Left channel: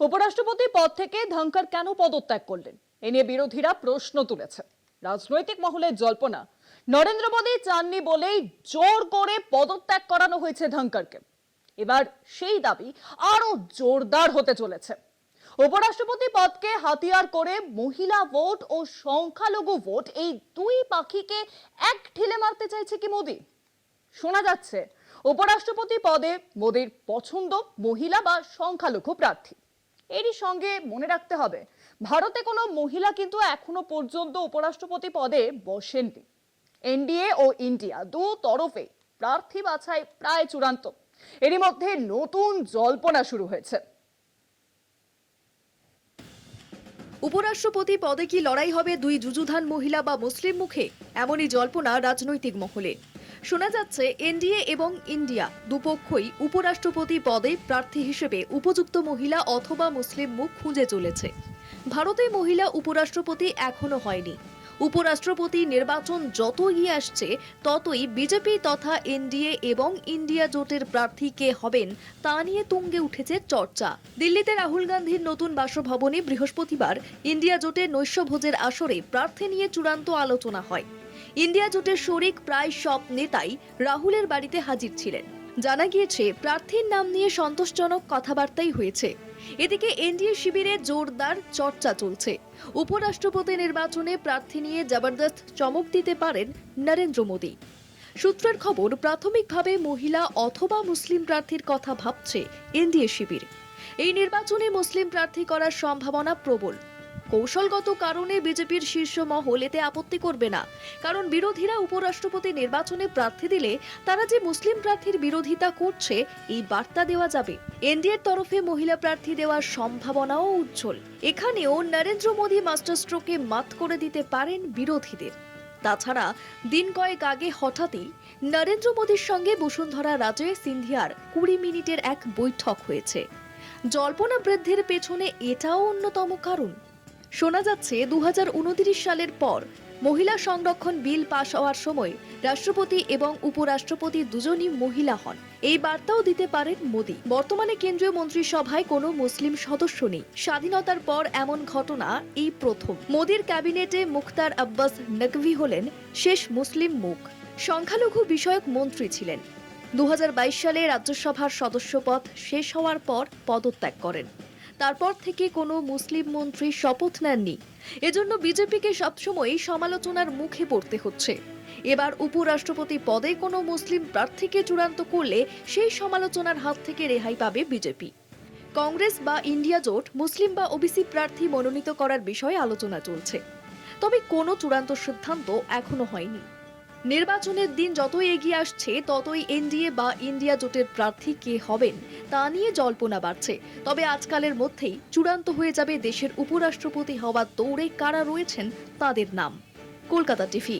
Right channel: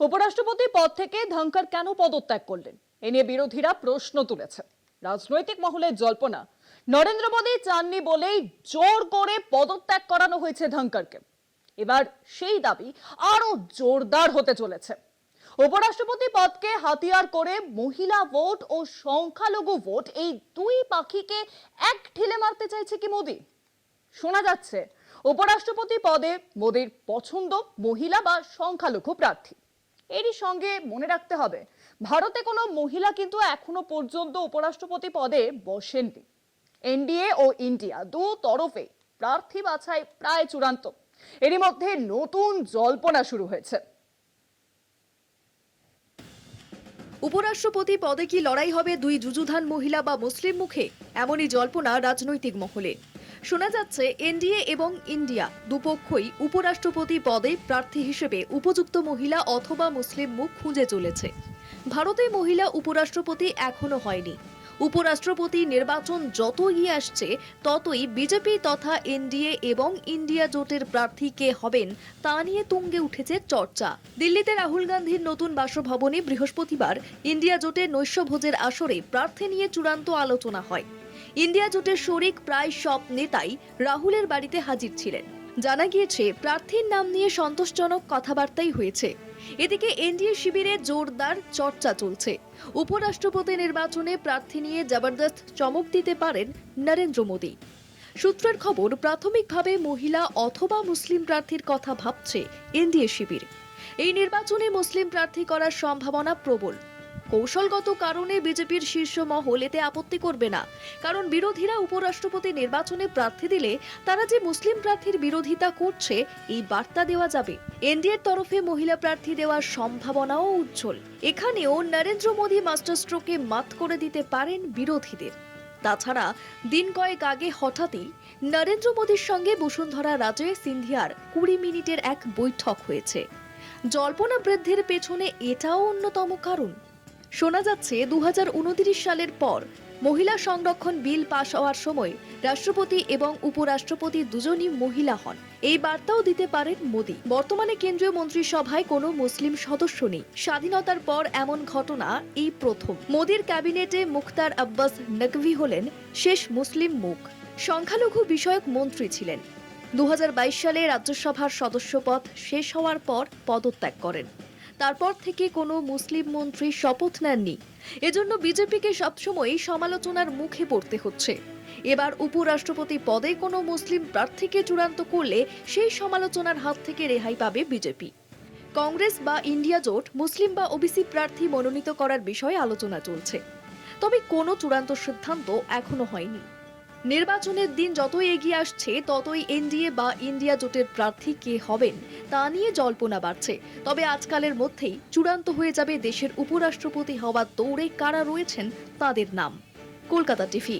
উপরাষ্ট্রপতি পদ থেকে ধনখড় কেন পদত্যাগ করলেন এ নিয়ে বিরোধীরা প্রশ্ন তুলেছে। রাজনৈতিক মহলে জল্পনা, নরেন্দ্র মোদী চাননি বলেই জোর করে পদত্যাগ করানো হয়েছে ধনখড়কে। এবার সেই দাবি আরো জোরদার হতে চলেছে। উপরাষ্ট্রপতি পদকে হাতিয়ার করে মহিলা ভোট ও সংখ্যালঘু ভোট, এই দুই পাখিকে এক ঢিলে মারতে চাইছে কি মোদী? শোনা যাচ্ছে উপরাষ্ট্রপতি পদে মোদীর পছন্দ মহিলা বা সংখ্যালঘু প্রার্থী। এরই সঙ্গে মনে রাখতে হবে, ভারতে কোনো মহিলা কিন্তু এখনো পর্যন্ত উপরাষ্ট্রপতি পদে বসেননি। এনডিএ ও ইন্ডিয়া দু তরফে প্রার্থী বাছাই প্রায় চূড়ান্ত। এরই মধ্যে নতুন জল্পনা শুরু হয়েছে। উপরাষ্ট্রপতি পদে কি লড়াই হবে দুই যুযুধান মহিলা বা মুসলিম মুখে? এমনই জল্পনা রাজনৈতিক মহলে। শোনা যাচ্ছে এনডিএ এবং ইন্ডিয়া দুপক্ষই উপরাষ্ট্রপতি পদে প্রার্থী হিসেবে উপযুক্ত মহিলা অথবা মুসলিম মুখ খুঁজে চলেছে। ভারতে মহিলা উপরাষ্ট্রপতি এখনো হয়নি। উপরাষ্ট্রপতি নির্বাচন যত এগিয়ে আসছে ততই বিজেপি তথা এনডিএ এবং ইন্ডিয়া জোটের প্রার্থী কে হবেন তা নিয়ে তুঙ্গে উঠেছে চর্চা। দিল্লিতে রাহুল গান্ধীর নতুন বাসভবনে বৃহস্পতিবার ইন্ডিয়া জোটের নৈশভোজের আসরে প্রার্থী নিয়ে চূড়ান্ত আলোচনা হয়। ইন্ডিয়া জোটের শরিক প্রায় সব নেতাই রাহুলের বাড়িতে হাজির ছিলেন। জানা গিয়েছে প্রার্থীর নাম নিয়ে সন্তোষজনক কথাবার্তাই হয়েছে। এদিকে এনডিএ শিবিরে জোরদার চর্চা চলছে। উপরাষ্ট্রপতি নির্বাচনে প্রার্থী নিয়ে জবরদস্ত চমক দিতে পারেন নরেন্দ্র মোদী। সূত্রের খবর, প্রাথমিকভাবে মহিলা অথবা মুসলিম প্রার্থীর কথা ভাবছে এনডিএ শিবির। এই নির্বাচনে মুসলিম প্রার্থী করার সম্ভাবনা প্রবল। কৌশলগত কারণে বিজেপির শীর্ষ মহল এতে আপত্তি করবে না, কারণ বিরোধীরা উপরাষ্ট্রপতি নির্বাচনে প্রার্থী দিলে তারা যে মুসলিম প্রার্থীর বিরোধিতা করছে এই বার্তা দেওয়া যাবে। এনডিএর তরফে মহিলা প্রার্থী দেওয়ার সম্ভাবনাও উজ্জ্বল। এখানেও নরেন্দ্র মোদী মাস্টার স্ট্রোকে মাত করে দিতে পারেন বিরোধীদের। তাছাড়া দিন কয়েক আগে হঠাৎই নরেন্দ্র মোদীর সঙ্গে বসুন্ধরা রাজে সিন্ধিয়ার 20 মিনিটের এক বৈঠক হয়েছে। জল্পনা বৃদ্ধির পেছনে এটাও অন্যতম কারণ। শোনা যাচ্ছে 2029 সালের পর মহিলা সংরক্ষণ বিল পাশ হওয়ার সময় রাষ্ট্রপতি এবং উপরাষ্ট্রপতি দুজনই মহিলা হন। এই বার্তাও দিতে পারেন মোদী। বর্তমানে কেন্দ্রীয় মন্ত্রিসভায় কোনো মুসলিম সদস্য নেই। স্বাধীনতার পর এমন ঘটনা এই প্রথম। মোদীর ক্যাবিনেটে মুখতার আব্বাস নকভি হলেন শেষ মুসলিম মুখ। সংখ্যালঘু বিষয়ক মন্ত্রী ছিলেন। 2022 সালে রাজ্যসভার সদস্যপদ শেষ হওয়ার পর পদত্যাগ করেন। তারপর থেকে কোনো মুসলিম মন্ত্রী শপথ নেননি। এজন্য বিজেপিকে সবসময় সমালোচনার মুখে পড়তে হচ্ছে। এবার উপরাষ্ট্রপতি পদে কোনো মুসলিম প্রার্থীকে চূড়ান্ত করলে সেই সমালোচনার হাত থেকে রেহাই পাবে বিজেপি। কংগ্রেস বা ইন্ডিয়া জোট মুসলিম বা ওবিসি প্রার্থী মনোনীত করার বিষয়ে আলোচনা চলছে, তবে কোনো চূড়ান্ত সিদ্ধান্ত এখনো হয়নি। নির্বাচনের দিন যতই এগিয়ে আসছে ততই এনডিএ বা ইন্ডিয়া জোটের প্রার্থী কে হবেন তা নিয়ে জল্পনা বাড়ছে। তবে আজকালের মধ্যেই চূড়ান্ত হয়ে যাবে দেশের উপরাষ্ট্রপতি হওয়ার দৌড়ে কারা রয়েছেন তাদের নাম। কলকাতা টিভি।